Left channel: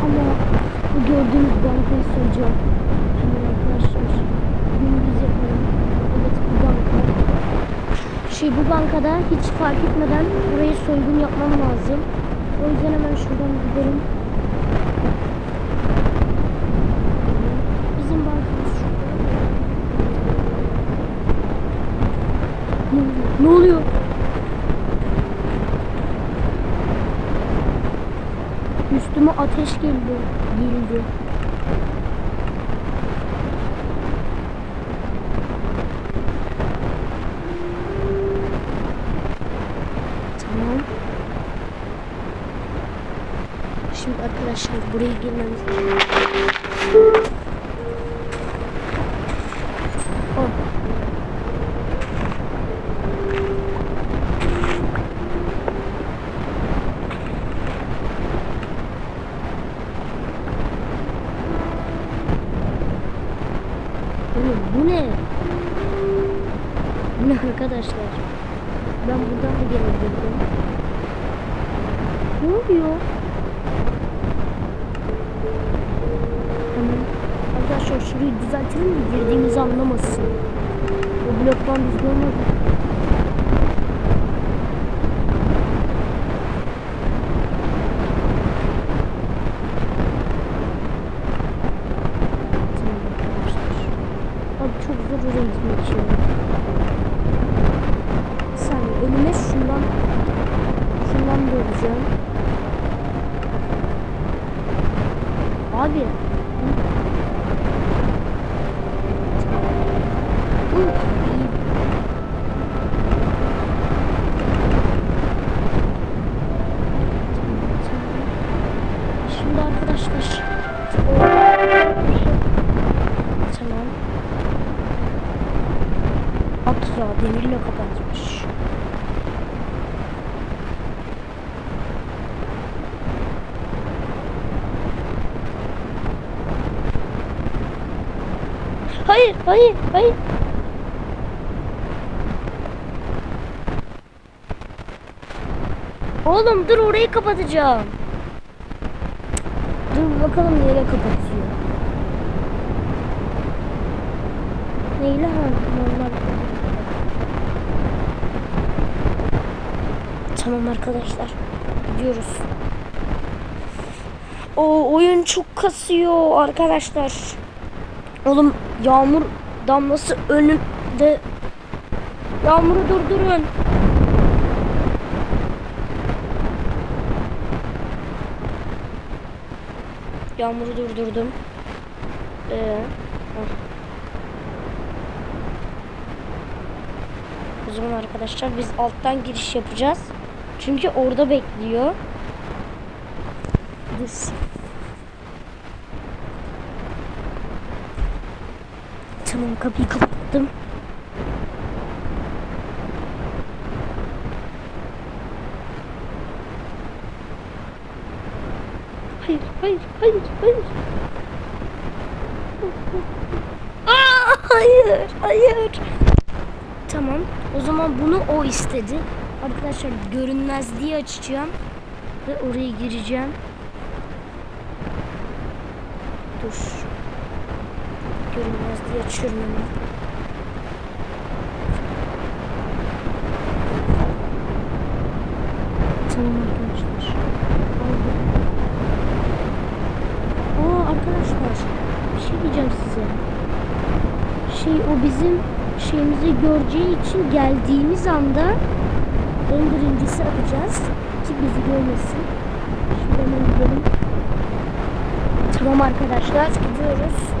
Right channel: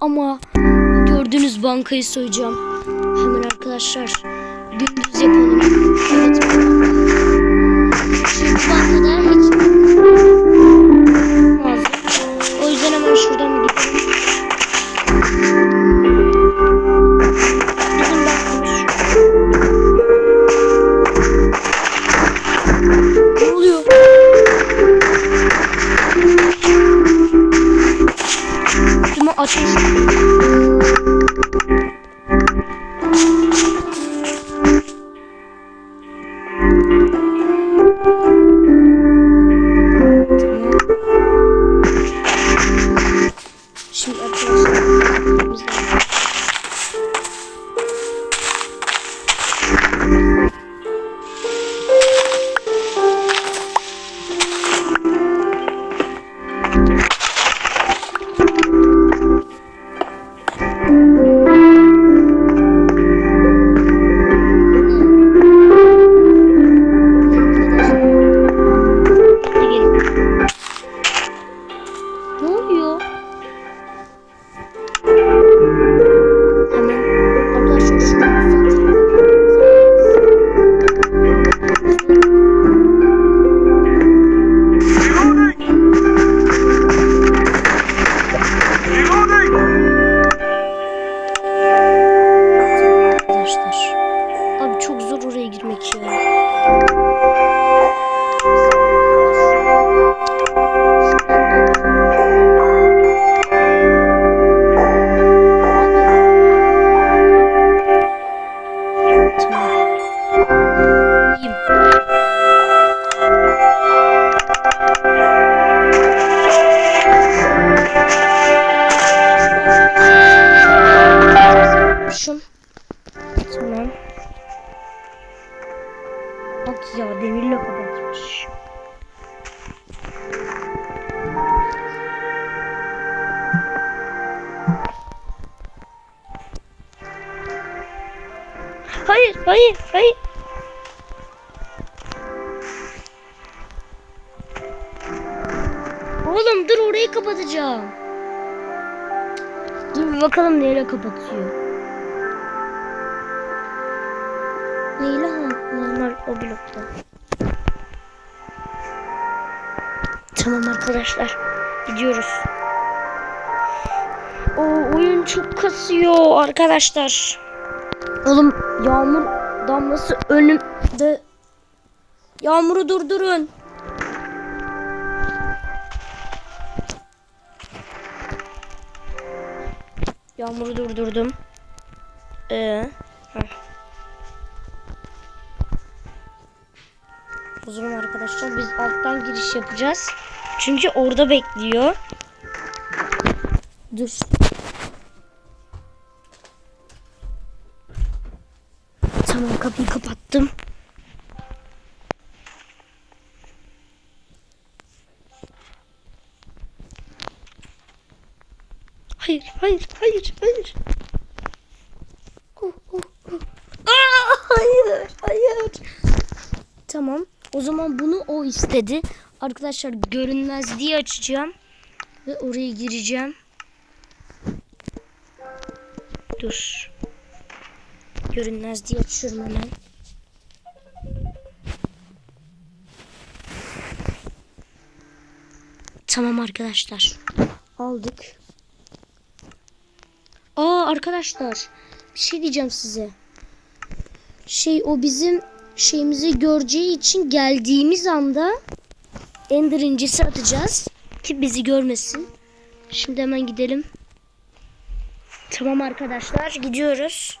ama gördüğünüz bankayı soyacağım. Hemen arkadaşlar gündüz yapalım. Evet bu banka. Şu bu bankada hiç fark etmeden lazım. O yüzden hemen şuradan gidelim. Ya demirle kapatmış. Hayır, hayır, hayır. Oğlum dur orayı kapatacağım. Dur bir bakalım neyle kapatıyor. Neyle ha? Normal o blokta. Tamam arkadaşlar. Gidiyoruz. O oyun çok kasıyor arkadaşlar. Oğlum yağmur damlası önümde. Yağmuru durdurun. Yağmuru durdurdum. Ee. O zaman arkadaşlar biz alttan giriş yapacağız. Çünkü orada bekliyor. Dur. Tamam kapıyı kapattım. Hayır, hayır, hayır, hayır. Aa, hayır, hayır. Tamam. O zaman bunu o istedi. Arkadaşlar görünmez diye açacağım. Ve oraya gireceğim. Dur. Görünmez diye açıyorum hemen. Tamam arkadaşlar. Aldık. Aa arkadaşlar. Bir şey diyeceğim size. Şey o bizim şeyimizi göreceği için geldiğimiz anda Ender incisi atacağız. Ki bizi görmesin. Şimdi hemen gidelim. Tamam arkadaşlar gidiyoruz.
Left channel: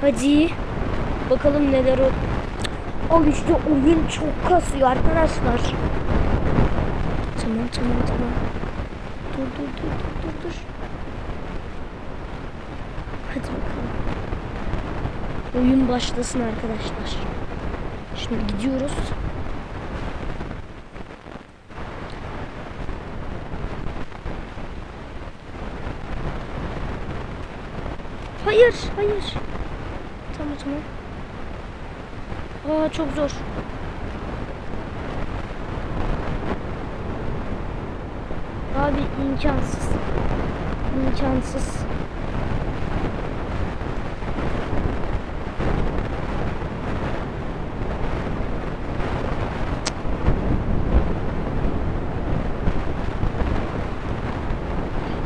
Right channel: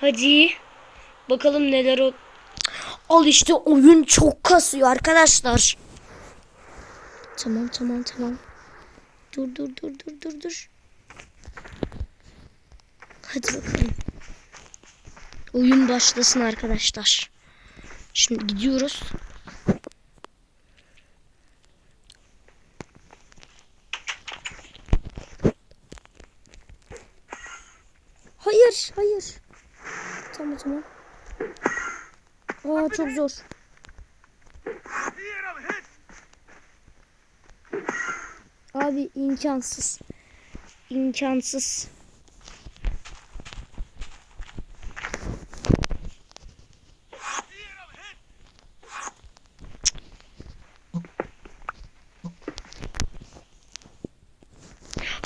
Hadi. Bakalım neler o. Al işte oyun çok kasıyor arkadaşlar. Tamam tamam tamam. Dur dur dur dur dur dur. Hadi bakalım. Oyun başlasın arkadaşlar. Şimdi gidiyoruz. Hayır, hayır. Tamam, tamam. Aa çok zor. Abi imkansız. İmkansız.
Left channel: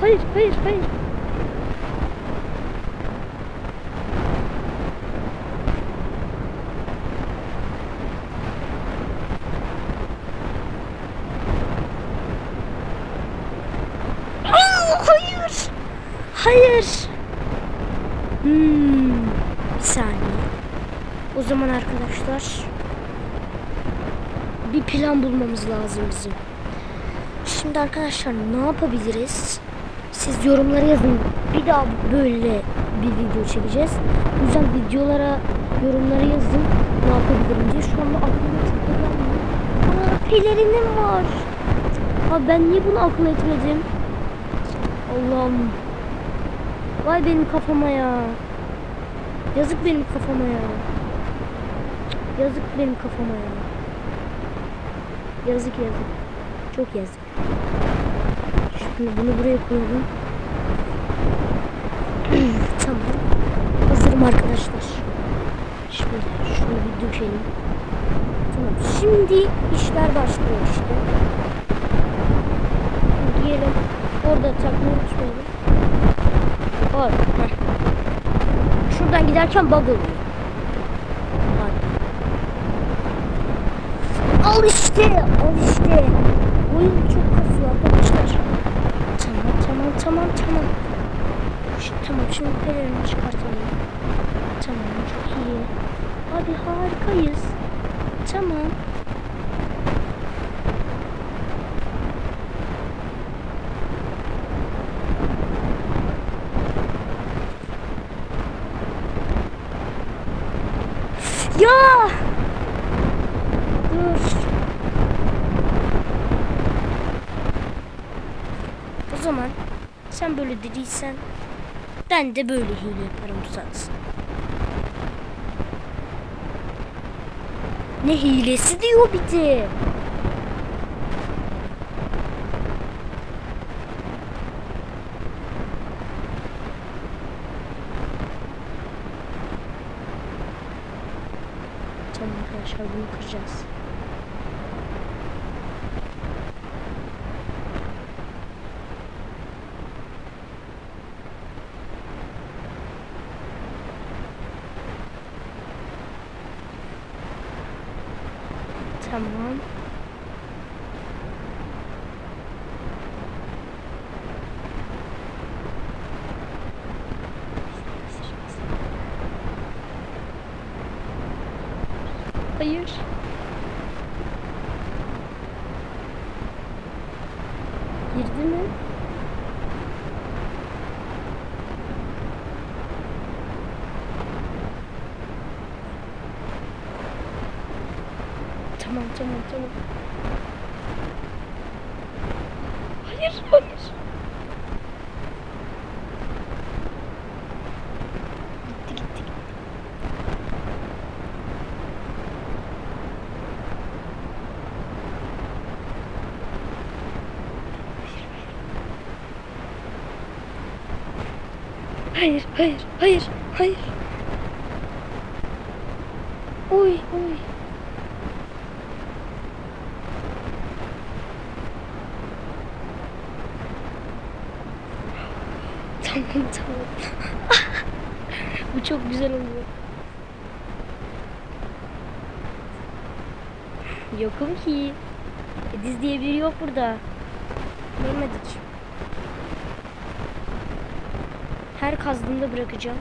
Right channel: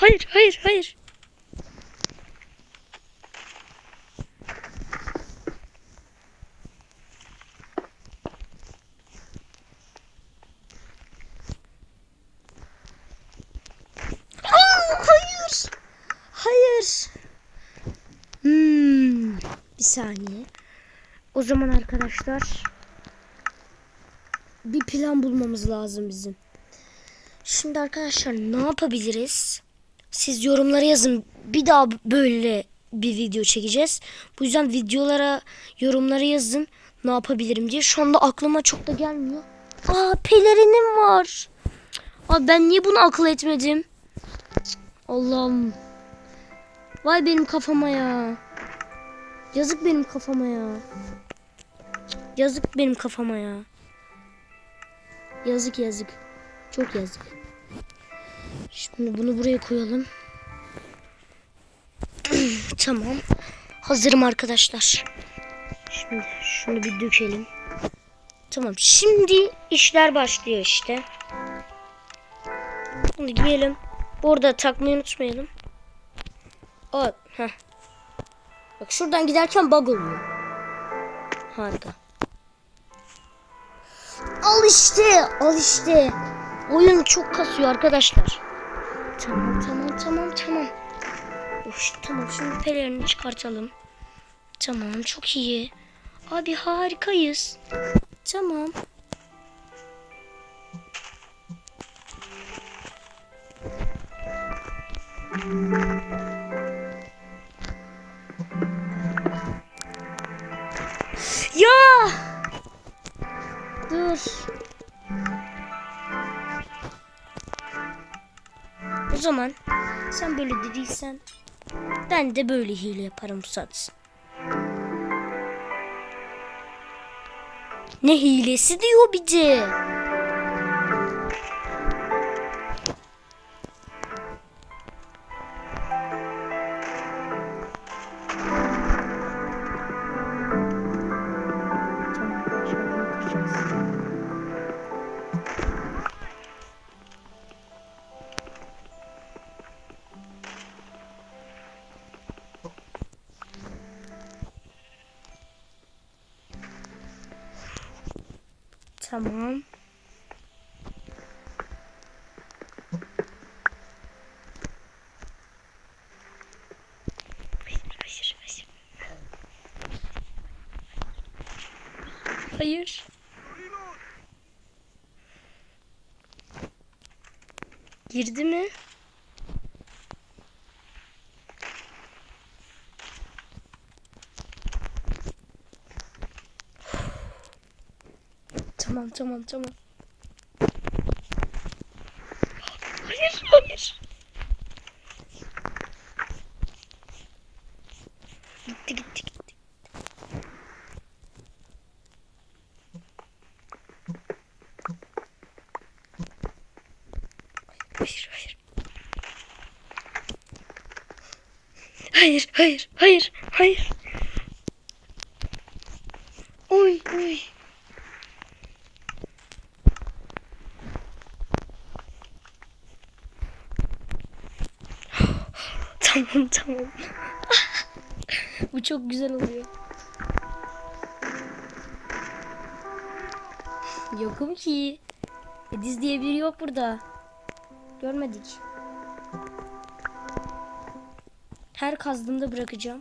Hayır, hayır, hayır. Aa, hayır. Hayır. Hmm, bir saniye. O zaman arkadaşlar bir plan bulmamız lazım bizim. Şimdi arkadaşlar ne yapabiliriz? Siz yorumlara yazın. Bir daha böyle bir video çekeceğiz. Bu yüzden videolara, yorumlara yazın. Ne yapabilirim diye. Şu anda aklıma çok da gelmiyor. Aa pelerinim var. Abi ben niye bunu akıl etmedim? Allah'ım. Vay benim kafama ya. Yazık benim kafama ya. Yazık benim kafama ya. Yazık yazık. Çok yazık. Şimdi bunu buraya koyalım. tamam. Hazırım arkadaşlar. Şimdi şunu bir dökelim. Tamam. Şimdi işler başlıyor işte. Şimdi giyelim. Orada takmayı unutmayalım. Or, heh. Şuradan giderken bug oluyor. Harika. Al işte, al işte. Oyun çok kasıyor arkadaşlar. Tamam, tamam, tamam, tamam. Tamam, şimdi pelerini çıkartalım. Tamam, çok iyi. Abi harikayız. Tamam. Ya! Dur. O zaman sen böyle dediysen ben de böyle hile yaparım Musat. Ne hilesi diyor bir de. Tamam. Hayır. Girdi mi? Tamam tamam tamam. Hayır hayır. Gitti gitti gitti. Hayır hayır. Hayır hayır hayır hayır. Oy oy. Tamam tamam. Bu çok güzel oluyor. Yokum ki. Ediz diye biri yok burada. Görmedik. Her kazdığımda bırakacağım.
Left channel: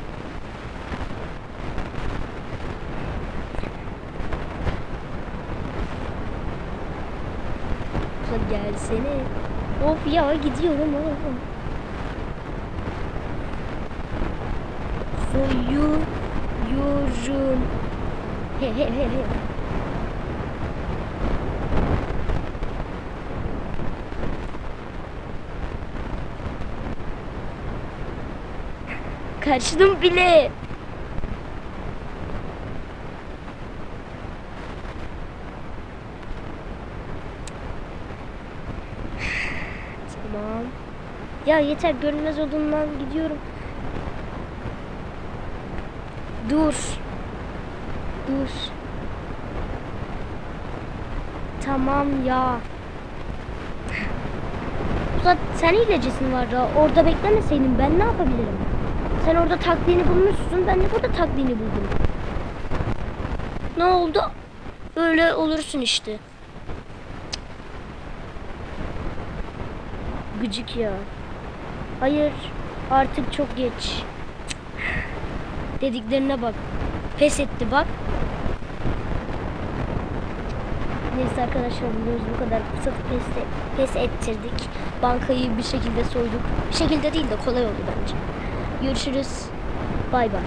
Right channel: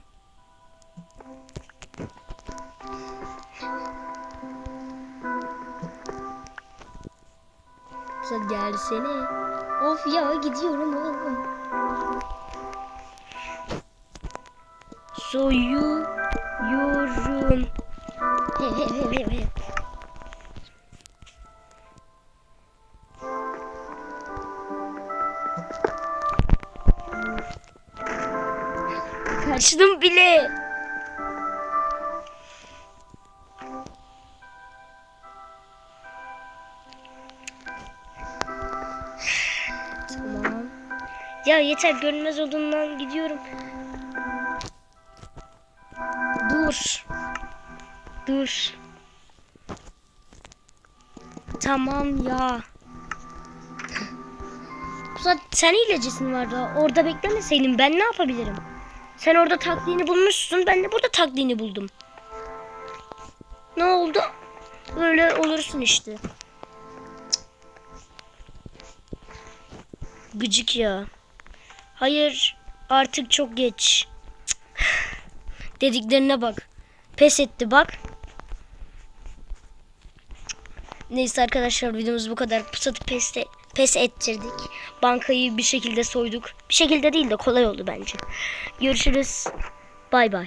Sen gelsene. Of ya gidiyorum oğlum. Soyuyorum. Kaçtım bile. Tamam. Ya yeter görünmez olduğundan gidiyorum. Dur. Dur. Tamam ya. Ulan sen hilecisin var da orada beklemeseydin ben ne yapabilirim? Sen orada taktiğini bulmuşsun ben de burada taktiğini buldum. Ne oldu? Öyle olursun işte. Gıcık ya. Hayır artık çok geç. Dediklerine bak. Pes etti bak. Neyse arkadaşlar videomuz bu kadar. Pusatı pes, pes ettirdik. Bankayı bir şekilde soyduk. Bir şekilde değil de kolay oldu bence. Görüşürüz. Bay bay.